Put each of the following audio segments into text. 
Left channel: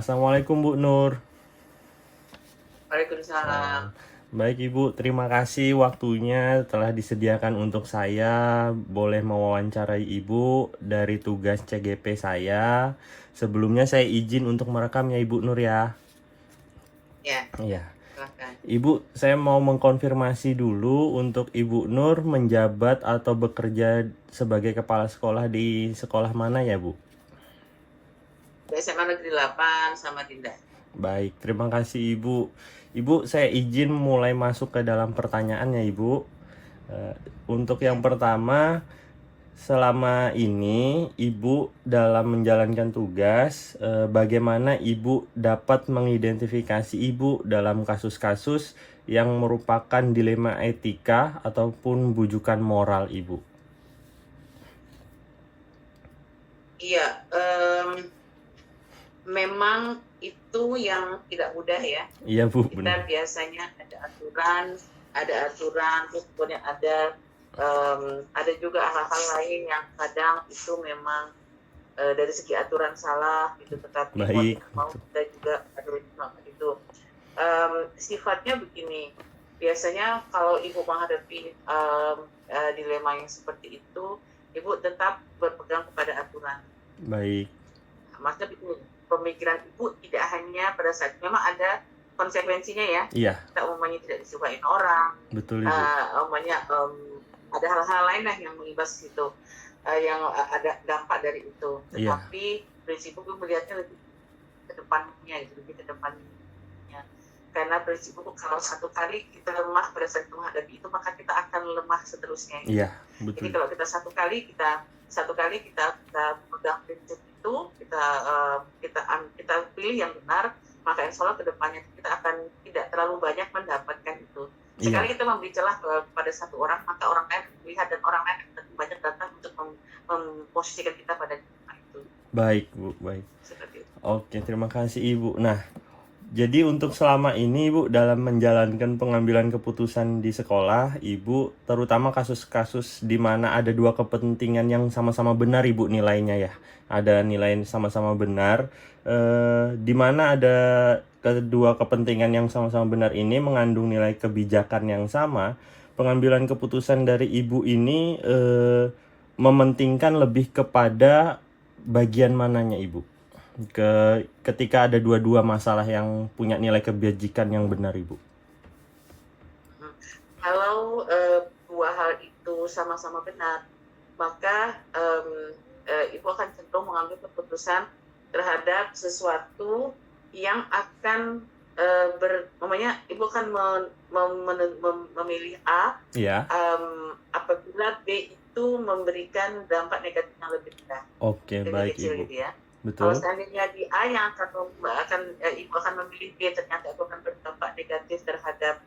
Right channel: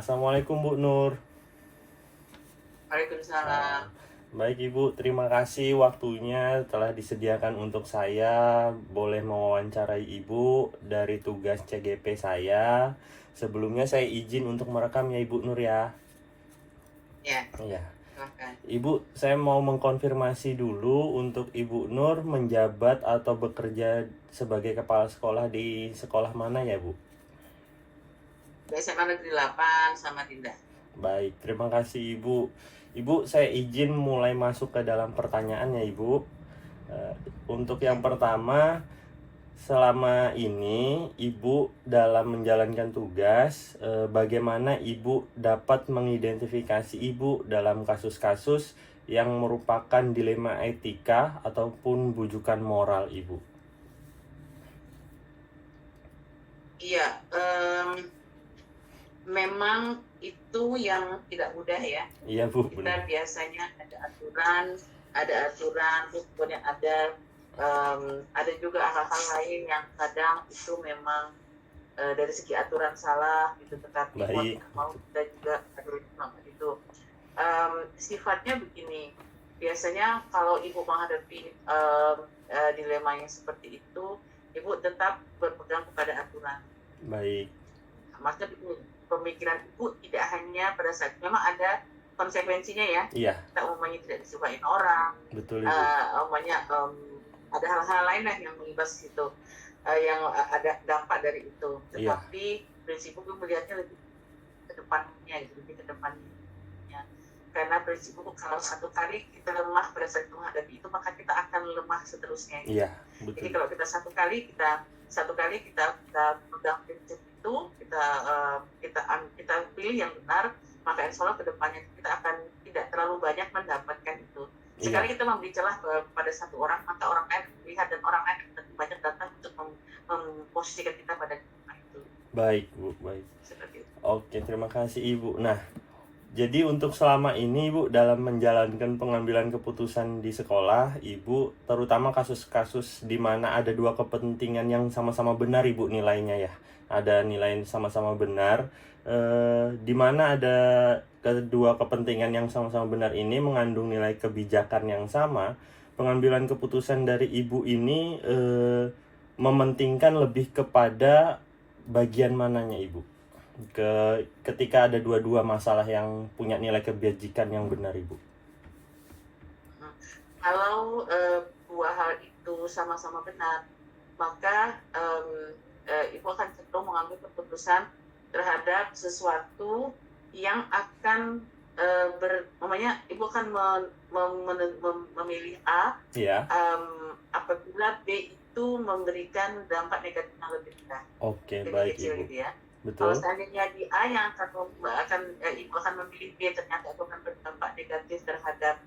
Assalamualaikum Bu Nur. Waalaikumsalam. Salam. Baik Ibu, terima kasih waktunya telah disediakan untuk saya boleh mewawancarai Ibu dari tugas CGP saya. Sebelumnya saya izin untuk merekam ya Ibu Nur ya. Ya, Iya. silahkan. Ibu, saya mau mengkonfirmasi dulu untuk Ibu Nur menjabat atau bekerja sebagai kepala sekolah di sekolah mana ya Bu? Di SMA Negeri 8 sama Dinda. Baik, terima kasih Ibu. Ibu, saya izin mulai masuk ke dalam pertanyaannya Ibu. Eh, untuk yang Ya. pertama, selama ini Ibu dalam menjalankan tugas, bagaimana Ibu dapat mengidentifikasi Ibu dalam kasus-kasus yang merupakan dilema etika ataupun bujukan moral Ibu? Iya, memang itu yang tidak mudah ya. Iya Bu, benar. Kita biasanya ada aturan, terus kemudian ada juga hal-hal lain yang kadang itu memang dari segi aturan salah gitu, tetapi mau Baik, tidak mau kita juga harus melakukan itu. Sifatnya begini, biasanya kalau ibu menghadapi dilema yang seperti itu, ibu tetap berpegang kepada aturan. baik. Maksudnya begini, pemikiran ibu tidak hanya pada saat memang ada konsekuensinya ya. Iya, Kita umumnya tidak disukain orang, betul Ibu. umumnya ada hal-hal lain lah yang mengimbas situ, yang ada dampak dari itu. Iya, Tetapi prinsip ibu melihatnya lebih ke depannya, lebih ke depannya. Karena prinsip itu kalau satu kali kita lemah pada saat menghadapi itu, maka kita akan lemah seterusnya iya, gitu. Jadi betul. kalau kita kita pegang prinsip itu, kita pilih yang benar, maka insya Allah kedepannya kita akan tidak terlalu banyak mendapatkan itu. Iya, Sekali kita memberi celah kepada satu orang, maka orang lain melihat dan orang lain akan banyak datang untuk memposisikan kita pada itu. baik Bu, baik. Seperti itu. Oke, terima kasih Ibu. Nah, jadi untuk selama ini Ibu dalam menjalankan pengambilan keputusan di sekolah, Ibu terutama kasus-kasus di mana ada dua kepentingan yang sama-sama benar Ibu nilainya ya. Ada nilai sama-sama benar, di mana ada kedua kepentingan yang sama-sama benar ini mengandung nilai kebijakan yang sama. Pengambilan keputusan dari Ibu ini mementingkan lebih kepada bagian mananya Ibu? Ketika ada dua-dua masalah yang punya nilai kebajikan yang benar Ibu. Hmm. Kalau dua hal itu sama-sama benar, maka ibu akan cenderung mengambil keputusan terhadap sesuatu yang akan namanya ibu akan memilih A Iya. apabila B itu memberikan dampak negatif yang lebih rendah, Oke, lebih baik kecil Ibu. gitu ya. Kalau Betul. seandainya di A yang ibu akan memilih B, ternyata itu akan berdampak negatif terhadap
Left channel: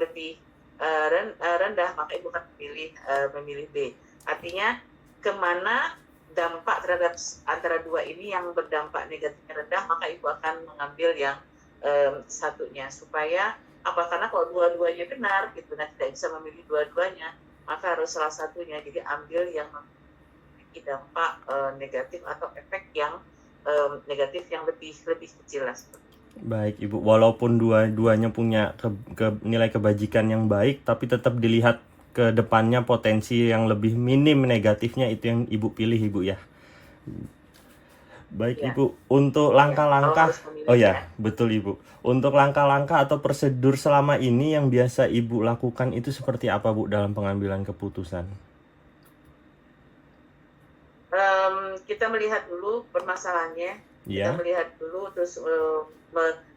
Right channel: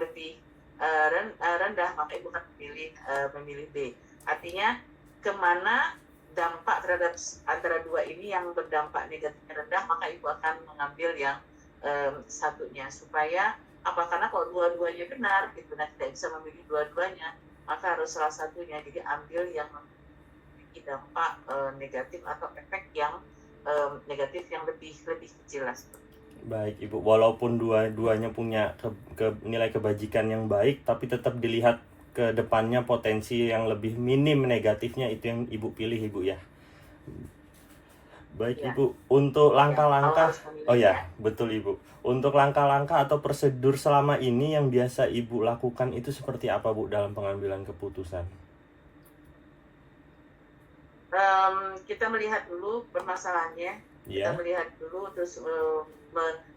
lebih rendah, maka ibu akan memilih B. Artinya kemana dampak terhadap antara dua ini yang berdampak negatifnya rendah, maka ibu akan mengambil yang satunya, supaya apa, karena kalau dua-duanya benar gitu, nah tidak bisa memilih dua-duanya, maka harus salah satunya, jadi ambil yang memiliki dampak negatif atau efek yang negatif yang lebih kecil lah. Baik Ibu, walaupun dua-duanya punya nilai kebajikan yang baik, tapi tetap dilihat ke depannya potensi yang lebih minim negatifnya itu yang Ibu pilih Ibu ya. Baik Ya, Ibu, untuk ya. Kalau langkah-langkah, harus oh memilih ya. ya, betul Ibu. Untuk langkah-langkah atau prosedur selama ini yang biasa Ibu lakukan itu seperti apa Bu dalam pengambilan keputusan? Kita melihat dulu permasalahannya, kita Iya, melihat dulu, terus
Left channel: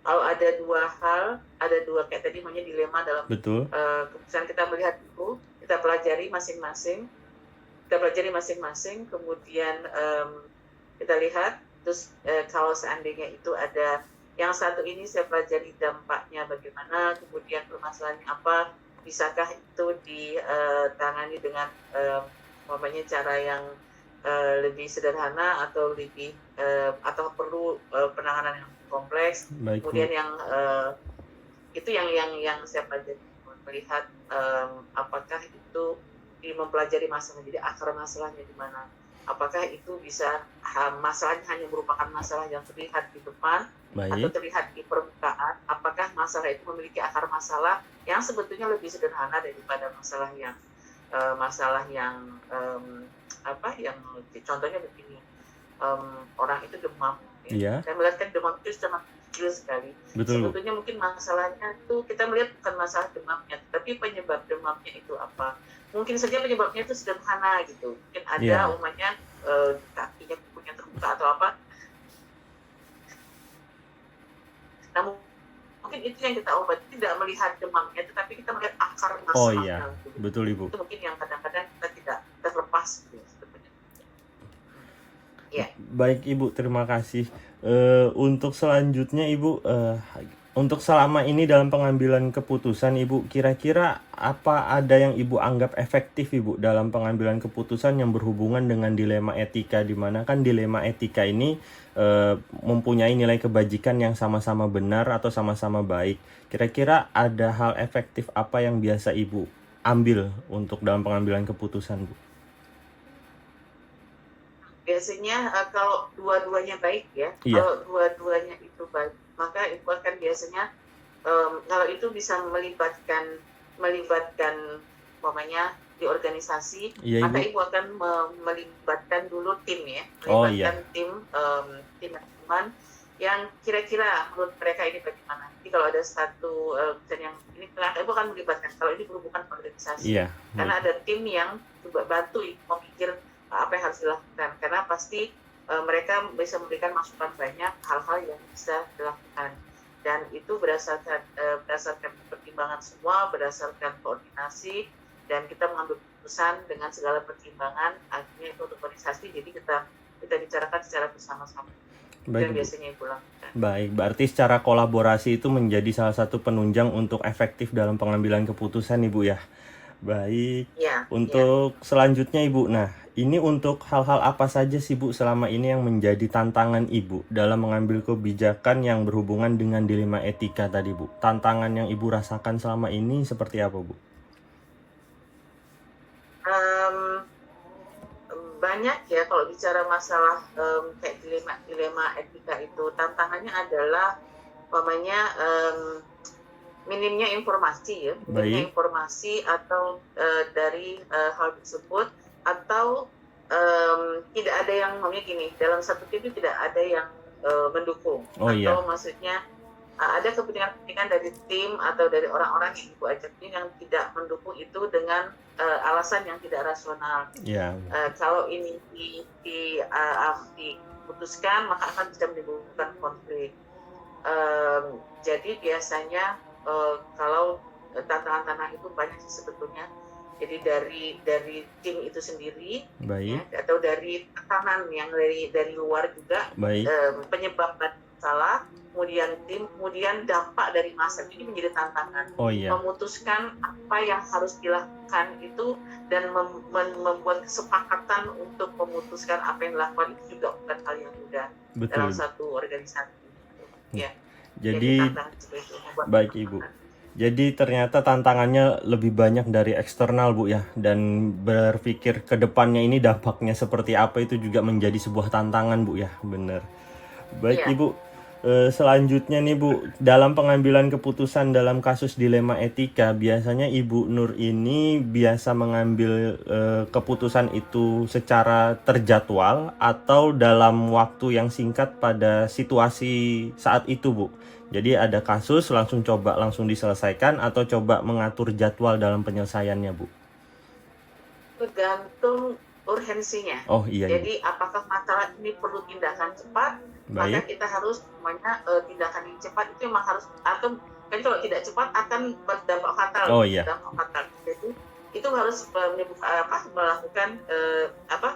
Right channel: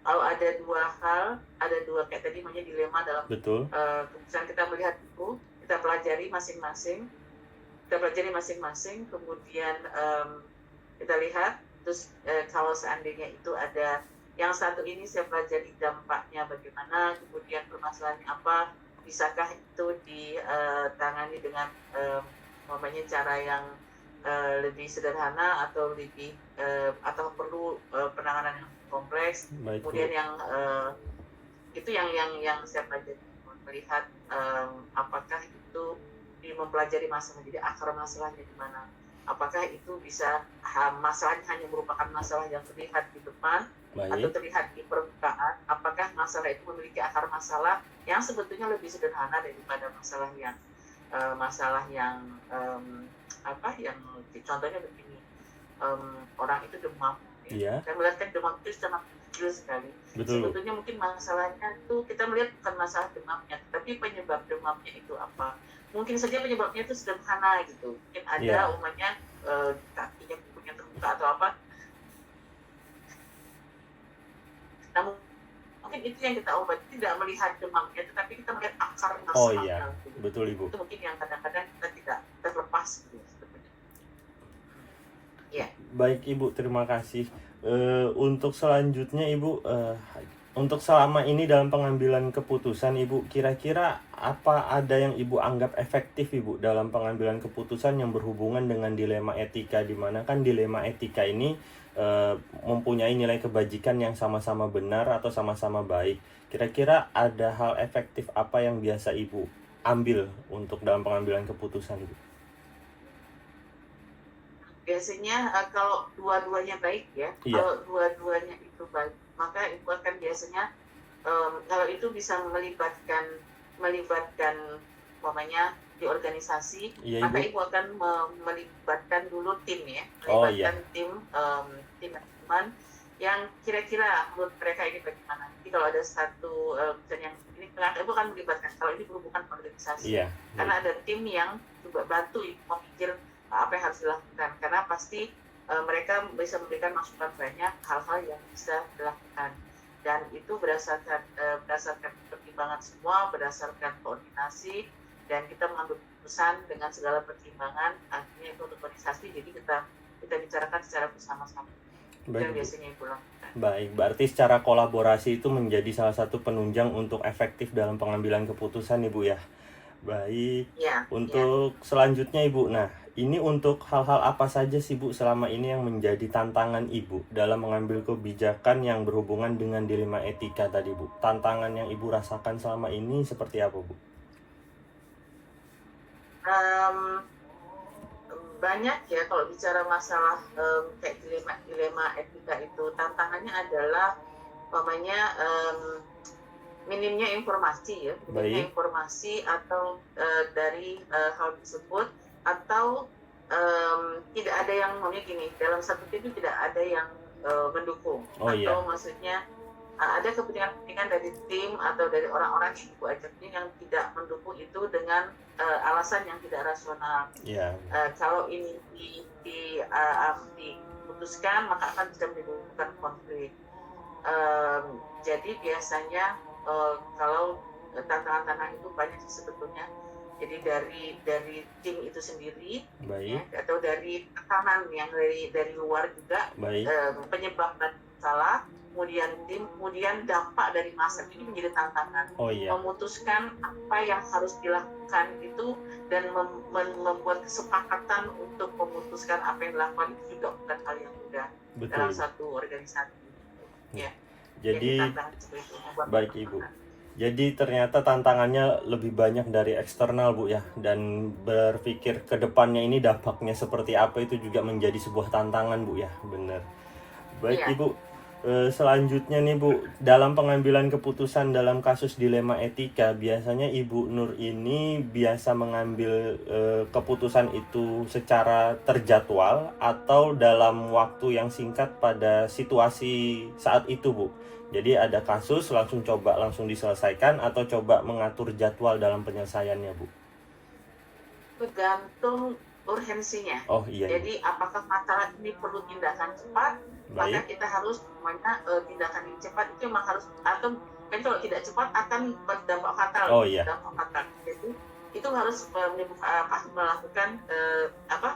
kalau ada kayak tadi namanya dilema dalam betul. keputusan, kita melihat dulu, kita pelajari masing-masing, kemudian kita lihat, terus kalau seandainya itu ada yang satu ini saya pelajari dampaknya bagaimana, kemudian permasalahannya apa, bisakah itu ditangani dengan cara yang lebih sederhana atau perlu penanganan yang kompleks. Baik Bu. Kemudian itu yang saya pelajari, melihat apakah itu mempelajari masalah, jadi akar masalahnya di mana. Apakah itu bisa masalahnya hanya merupakan masalah yang terlihat di depan, atau Baik. terlihat di permukaan, apakah masalah itu memiliki akar masalah yang sebetulnya lebih sederhana daripada masalah yang yang contohnya begini, orang itu demam, ya. Iya, Saya melihat kan demam itu sangat kecil sekali. betul, Bu. Sebetulnya mungkin masalahnya tuh kita melihat bukan masalah demamnya, tapi penyebab demamnya itu apa. Mungkin saja penyebabnya itu sederhana gitu. Mungkin ada Iya. umpamanya kakinya kukunya terbuka atau apa. Namun mungkin itu yang kita obati, tidak melihat demamnya, tetapi kita melihat akar Oh iya, masalahnya gitu. betul Ibu. Itu mungkin yang kadang-kadang kita tidak terlepas gitu sebetulnya. Iya. Baik Ibu, terima kasih. Untuk selanjutnya Ibu, untuk selama ini dalam pengambilan keputusan Ibu, kira-kira apa ada yang Ibu anggap efektif Ibu dalam pengambilan keputusan yang berhubungan dengan dilema etika, di mana kan dilema etika ini mempunyai nilai kebajikan yang sama-sama benar atau sama-sama baik. Kira-kira ada hal efektif apa yang biasa Ibu ambil untuk dalam pengambilan keputusan, Bu? Biasanya kalau dua-duanya baik ya, Iya. kalau dua-duanya itu baik, maka itu akan biasanya kalau itu bisa melibatkan umpamanya di organisasi, Iya maka Ibu. ibu akan melibatkan dulu tim ya, Oh iya. melibatkan tim teman yang kira-kira menurut mereka ini bagaimana. Jadi kalau ada satu misalnya yang ini ibu akan melibatkan kalau ini berhubungan organisasi, Iya, baik. karena ada tim yang coba bantu ibu memikir apa yang harus dilakukan, karena pasti mereka bisa memberikan masukan banyak hal-hal yang bisa dilakukan, dan itu berdasarkan pertimbangan semua, berdasarkan koordinasi, dan kita mengambil keputusan dengan segala pertimbangan, akhirnya itu untuk organisasi, jadi kita bicarakan secara bersama-sama. Itu Baik, yang Bu. biasanya ibu lakukan. Baik, berarti secara kolaborasi itu menjadi salah satu penunjang untuk efektif dalam pengambilan keputusan, Ibu ya. Baik, Ya, ya. untuk selanjutnya Ibu. Nah, ini untuk hal-hal apa saja sih Bu selama ini yang menjadi tantangan Ibu dalam mengambil kebijakan yang berhubungan dengan dilema etika tadi Bu? Tantangan yang Ibu rasakan selama ini seperti apa Bu? Banyak ya kalau bicara masalah kayak dilema etika itu, tantangannya adalah umpamanya minimnya informasi ya, minimnya Baik. informasi atau dari hal tersebut, atau tidak ada yang gini, dalam satu tim itu tidak ada yang mendukung, Oh iya, atau maksudnya ada kepentingan-kepentingan dari tim atau dari orang-orang yang ibu ajak ini yang tidak mendukung itu dengan alasan yang tidak rasional. ya, Kalau ini diputuskan, maka akan bisa menimbulkan konflik. Jadi biasanya kalau tantangan-tantangan itu banyak sebetulnya. Jadi dari tim itu sendiri, ya, baik, atau dari tekanan yang dari luar juga, baik. penyebab masalah, kemudian tim, kemudian dampak dari masa, ini menjadi tantangan. Oh iya, Memutuskan apa yang harus dilakukan itu dan membuat kesepakatan untuk memutuskan apa yang dilakukan itu juga bukan hal yang mudah dalam betul. satu organisasi. Ya, jadi Jadi tantangan seperti itu membuat baik Ibu. Jadi ternyata tantangannya lebih banyak dari eksternal Bu ya, dan berpikir ke depannya ini dampaknya seperti apa itu juga menjadi sebuah tantangan Bu ya, bener. Baik Iya. Ibu, selanjutnya nih Bu, dalam pengambilan keputusan dalam kasus dilema etika, biasanya Ibu Nur ini biasa mengambil keputusan itu secara terjadwal atau dalam waktu yang singkat pada situasi saat itu Bu. Jadi ada kasus langsung diselesaikan atau coba mengatur jadwal dalam penyelesaiannya Bu. Tergantung urgensinya. Oh iya Ibu. Jadi apakah masalah ini perlu tindakan cepat, maka Baik. kita harus tindakan yang cepat itu memang harus, atau kan kalau tidak cepat akan berdampak fatal. Oh iya. Jadi itu harus melakukan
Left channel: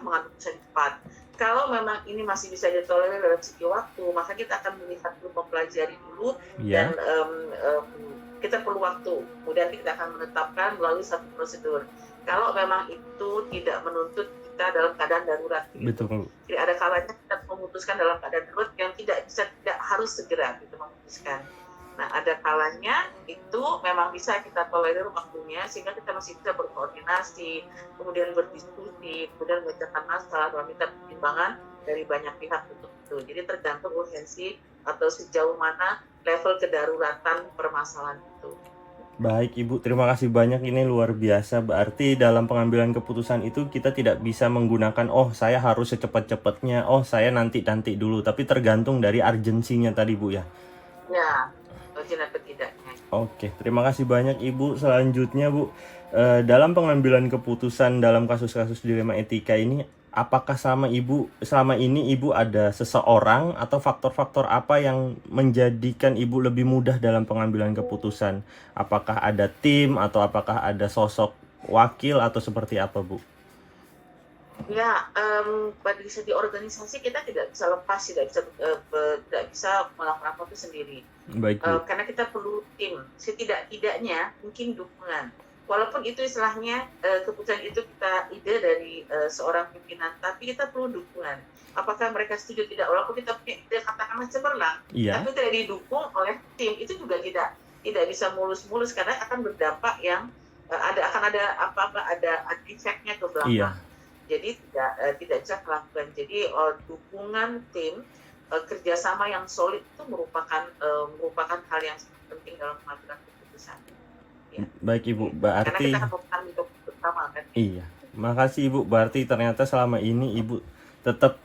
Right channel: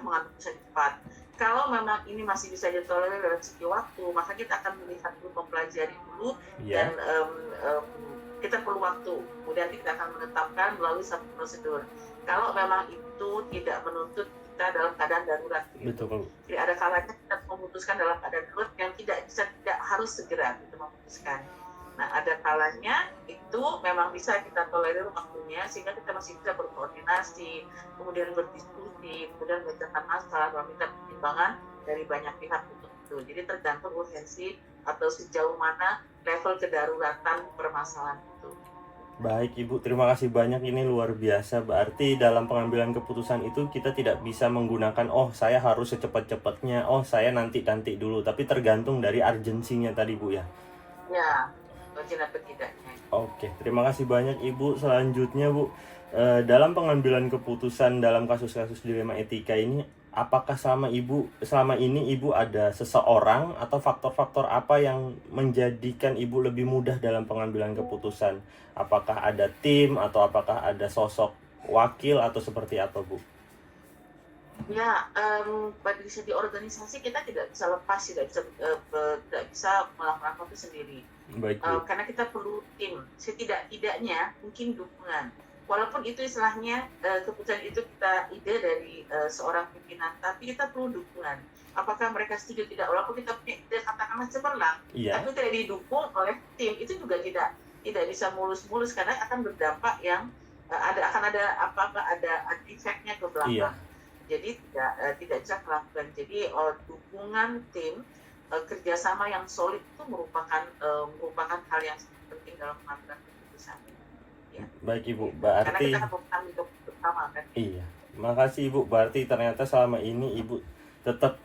mengambil keputusan cepat. Kalau memang ini masih bisa ditolerir dalam segi waktu, maka kita akan melihat dulu, mempelajari dulu, dan Iya. kita perlu waktu. Kemudian kita akan menetapkan melalui satu prosedur. Kalau memang itu tidak menuntut kita dalam keadaan darurat, gitu. Betul. Jadi ada kalanya kita memutuskan dalam keadaan darurat yang tidak harus segera gitu memutuskan. Nah, ada kalanya itu memang bisa kita tolerir waktunya sehingga kita masih bisa berkoordinasi, kemudian berdiskusi, kemudian memecahkan masalah, meminta pertimbangan dari banyak pihak untuk itu. Jadi tergantung urgensi atau sejauh mana level kedaruratan permasalahan itu. Baik Ibu, terima kasih banyak, ini luar biasa. Berarti dalam pengambilan keputusan itu kita tidak bisa menggunakan, oh saya harus secepat-cepatnya, oh saya nanti dulu, tapi tergantung dari urgensinya tadi Bu ya. Ya, urgent atau tidaknya. Oke, terima kasih banyak Ibu. Selanjutnya Bu, dalam pengambilan keputusan dalam kasus-kasus dilema etika ini, apakah selama ini Ibu ada seseorang atau faktor-faktor apa yang menjadikan Ibu lebih mudah dalam pengambilan keputusan? Apakah ada tim atau apakah ada sosok wakil atau seperti apa Bu? Ya, pada segi organisasi kita tidak bisa lepas, tidak bisa melakukan apa itu sendiri. Baik Bu. Karena kita perlu tim, setidak-tidaknya mungkin dukungan. Walaupun itu istilahnya keputusan itu kita ide dari seorang pimpinan, tapi kita perlu dukungan. Apakah mereka setuju tidak? Walaupun kita punya ide katakanlah cemerlang, Iya, tapi tidak didukung oleh tim, itu juga tidak bisa mulus-mulus karena akan berdampak yang akan ada ada efeknya ke iya. belakang. Jadi tidak bisa melakukan. Jadi dukungan tim, kerjasama yang solid itu merupakan hal yang sangat penting dalam pengambilan keputusan. Ya, Baik Ibu, gitu. Karena berarti kita akan bertanggung jawab bersama kan. iya, makasih Ibu. Berarti ternyata selama ini Ibu tetap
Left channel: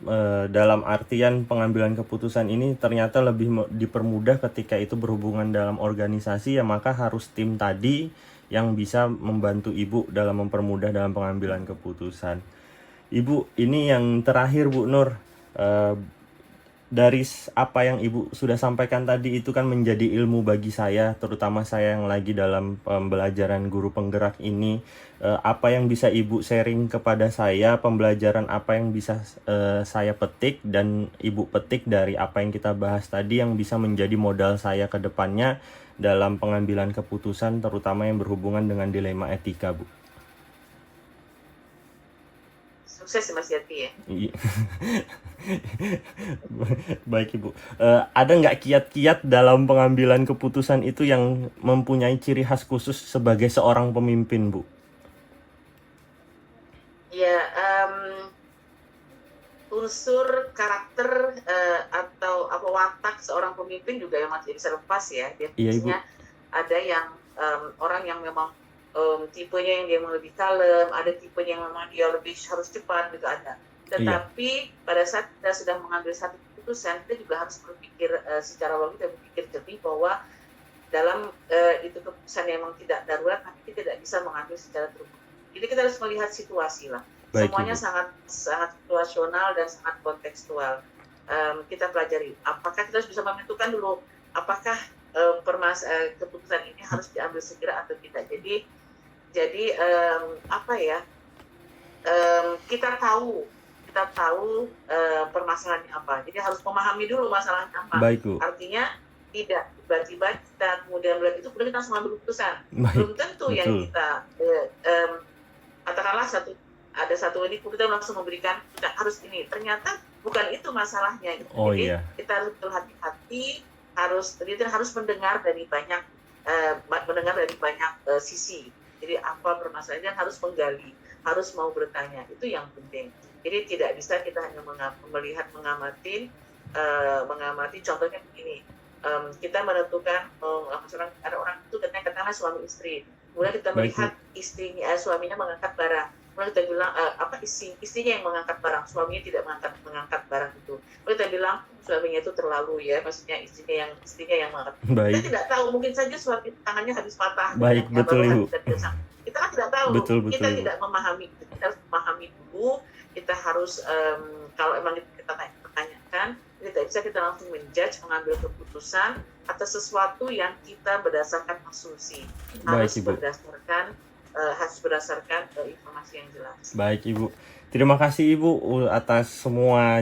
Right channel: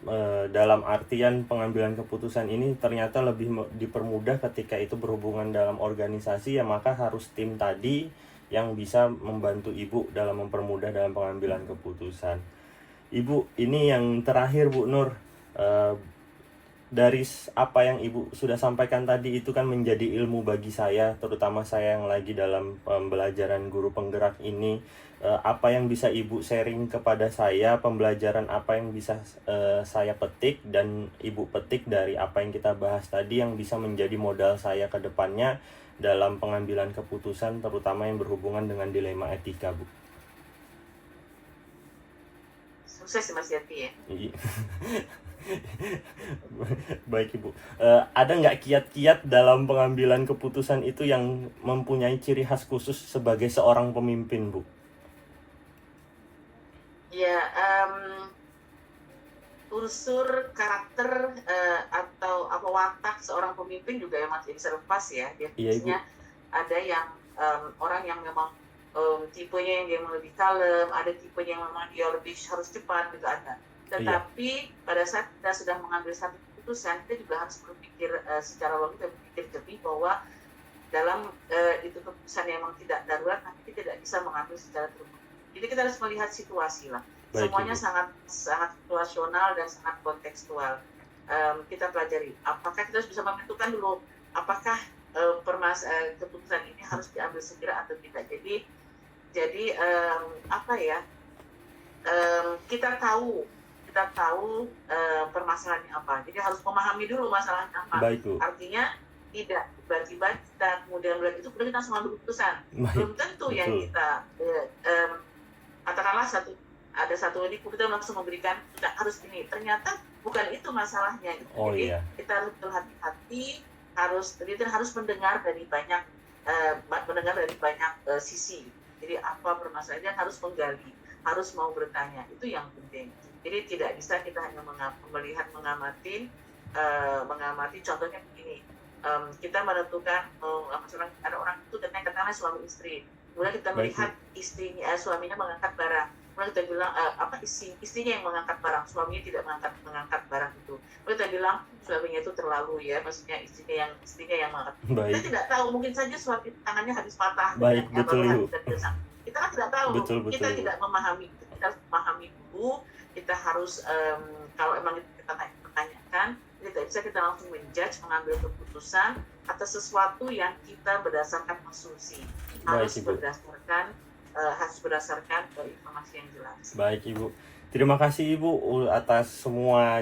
dalam artian pengambilan keputusan ini ternyata lebih dipermudah ketika itu berhubungan dalam organisasi, ya maka harus tim tadi yang bisa membantu Ibu dalam mempermudah dalam pengambilan keputusan. Ibu, ini yang terakhir Bu Nur. Eh, dari apa yang Ibu sudah sampaikan tadi itu kan menjadi ilmu bagi saya, terutama saya yang lagi dalam pembelajaran guru penggerak ini. Apa yang bisa Ibu sharing kepada saya, pembelajaran apa yang bisa saya petik dan Ibu petik dari apa yang kita bahas tadi yang bisa menjadi modal saya ke depannya dalam pengambilan keputusan, terutama yang berhubungan dengan dilema etika, Bu. Sukses Mas Yati ya. Iya. Baik Ibu, ada nggak kiat-kiat dalam pengambilan keputusan itu yang mempunyai ciri khas khusus sebagai seorang pemimpin, Bu? Ya, unsur karakter atau apa watak seorang pemimpin juga yang masih bisa lepas ya. Iya Ibu. Biasanya ada yang orang yang memang tipenya yang dia lebih kalem, ada tipenya yang memang dia lebih harus cepat gitu ada. Iya, Tetapi pada saat kita sudah mengambil satu keputusan, kita juga harus berpikir secara logis dan berpikir jernih bahwa dalam itu keputusan yang memang tidak darurat, tapi kita tidak bisa mengambil secara terburu-buru. Jadi kita harus melihat situasi lah. baik Semuanya Ibu. sangat sangat situasional dan sangat kontekstual. Kita pelajari. Apakah kita harus bisa menentukan dulu apakah keputusan ini harus diambil segera atau tidak. Jadi apa ya? Kita tahu permasalahannya apa. Jadi harus memahami dulu masalahnya apa. Baik Bu. Artinya tidak tiba-tiba kita kemudian melihat itu kemudian kita langsung ambil keputusan. Baik, Belum tentu yang betul. kita katakanlah ada satu ini kita langsung memberikan kita harus ini. Ternyata bukan itu masalahnya. Oh Jadi iya, kita harus berhati-hati, harus mendengar dari banyak sisi. Jadi apa permasalahannya harus menggali, harus mau bertanya, itu yang penting. Jadi tidak bisa kita hanya melihat mengamati contohnya begini, kita menentukan ada orang itu katakanlah suami istri, kemudian kita baik Bu. melihat suaminya mengangkat barang, kemudian kita bilang istrinya yang mengangkat barang, suaminya tidak mengangkat barang itu, kemudian kita bilang suaminya itu terlalu ya, maksudnya istrinya yang mengangkat. Kita Baik, tidak tahu, mungkin saja suami tangannya habis patah baik betul Ibu. kita kan tidak tahu, Betul kita Ibu. tidak memahami, kita harus memahami dulu, kita harus kalau emang kita pertanyakan, tidak bisa kita langsung mengambil keputusan atas sesuatu yang kita berdasarkan asumsi, Baik harus Ibu. berdasarkan informasi yang jelas. Baik Ibu. Terima kasih Ibu atas semua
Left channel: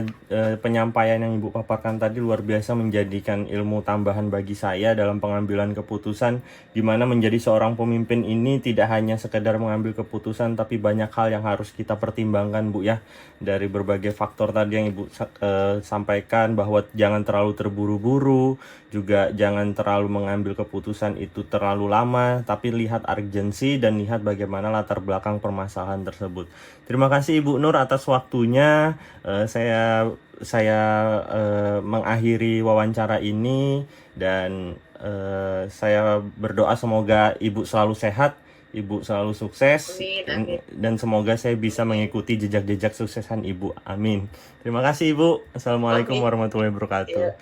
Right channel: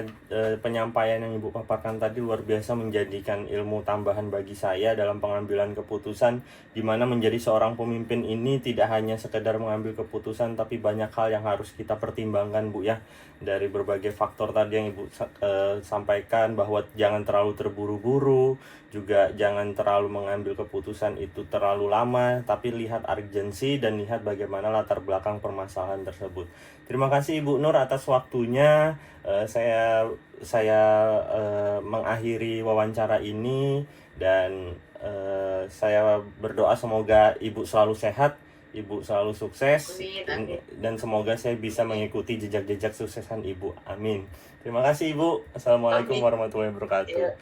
penyampaian yang Ibu paparkan tadi, luar biasa menjadikan ilmu tambahan bagi saya dalam pengambilan keputusan, di mana menjadi seorang pemimpin ini tidak hanya sekedar mengambil keputusan tapi banyak hal yang harus kita pertimbangkan Bu ya. Dari berbagai faktor tadi yang Ibu sampaikan, bahwa jangan terlalu terburu-buru, juga jangan terlalu mengambil keputusan itu terlalu lama, tapi lihat urgensi dan lihat bagaimana latar belakang permasalahan tersebut. Terima kasih Ibu Bu Nur atas waktunya. Saya mengakhiri wawancara ini dan saya berdoa semoga Ibu selalu sehat, Ibu selalu sukses, Amin, amin, dan semoga saya bisa amin, mengikuti jejak-jejak suksesan Ibu. Amin. Terima kasih Ibu. Assalamualaikum amin. warahmatullahi Ya, wabarakatuh.